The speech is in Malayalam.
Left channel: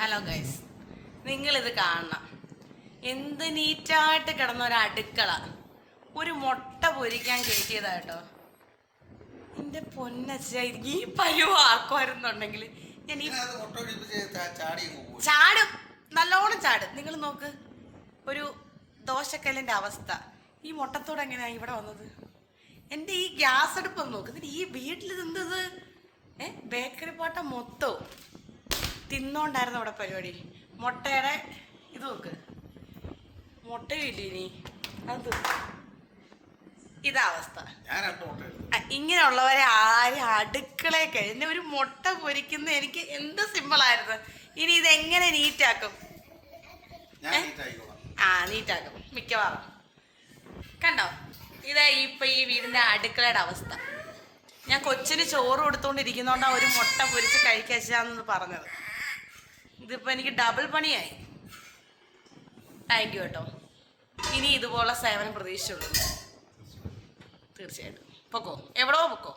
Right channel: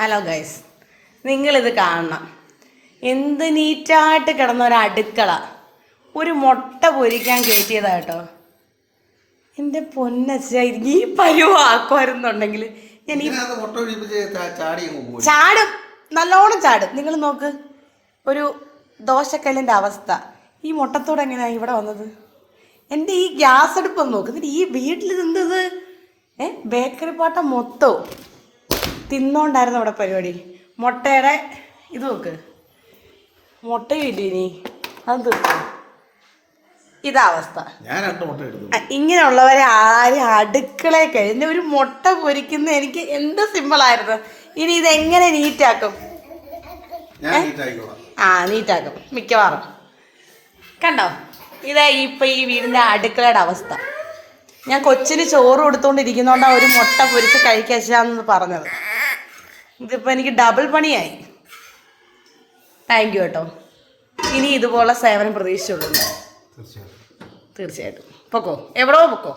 ഹലോ ഗൈസ്, നിങ്ങളിത് കാണണം. എന്ത് നീറ്റായിട്ട് കിടന്ന ഒരു അടുക്കള ഒരു മുട്ട പൊരിക്കാൻ കയറ്റിയതാ കേട്ടോ. എൻ്റെ പൊന്നച്ച ഈ പരുവാക്കുമായിരുന്നുണ്ടെങ്കിൽ ഞാൻ ഈ ചാടും, നല്ലോണം ചാടും. നിങ്ങൾ നോക്ക്, ഒരു ദോശക്കല്ലിൻ്റെ അവസ്ഥ. ഈ മുട്ടത്തോടെ എങ്ങനെയാണ് ഇവിടെ വന്നത്? എൻ്റെ ഈ ഗ്യാസ് അടുപ്പൊന്ന് നോക്ക്. എന്നിട്ട് ഈ വീട്ടിൽ എന്തത് ബേക്കറി പാട്ട മൊത്തവും തിന്നോണ്ടായിരുന്നു അവിടെ പരിപാടി. മുട്ടയുടെ ഇത് നോക്ക്, മുട്ടയും ഇല്ല ഇനി അത് തീർക്കും. ഇതാ അവസ്ഥ. ഇങ്ങനെയുള്ളവരെ ആരും അടുക്കളയിൽ കഴിഞ്ഞ ഒരു മുട്ട പൊരിക്കുന്ന എനിക്ക് എന്ത് സിമ്പിളായിരുന്നു. ഇനി ഇതെങ്ങനെ നീറ്റാക്കും? നീറ്റാക്കും മിക്കവാറും. കണ്ടോ, ഇതാ ഇപ്പം ഈ വീടിൻ്റെ അടുക്കളയുടെ അവസ്ഥ. ഞാൻ കൊച്ചിന് ചോറ് കൊടുത്തോണ്ടിരിക്കുന്നോണ്ടാണ് ഒരു മുട്ട പൊരിച്ച് കഴിക്കാന്ന് പറഞ്ഞത്. ഇതിപ്പോൾ എനിക്ക് ഡബിൾ പണിയായി. താങ്ക് യു കേട്ടോ. ഇനി ഇതുപോലെ സേവനം പ്രതീക്ഷിച്ചുള്ളൂ. തീർച്ചയായിട്ടും പൊക്കോ, എവിടെയോ പൊക്കോ.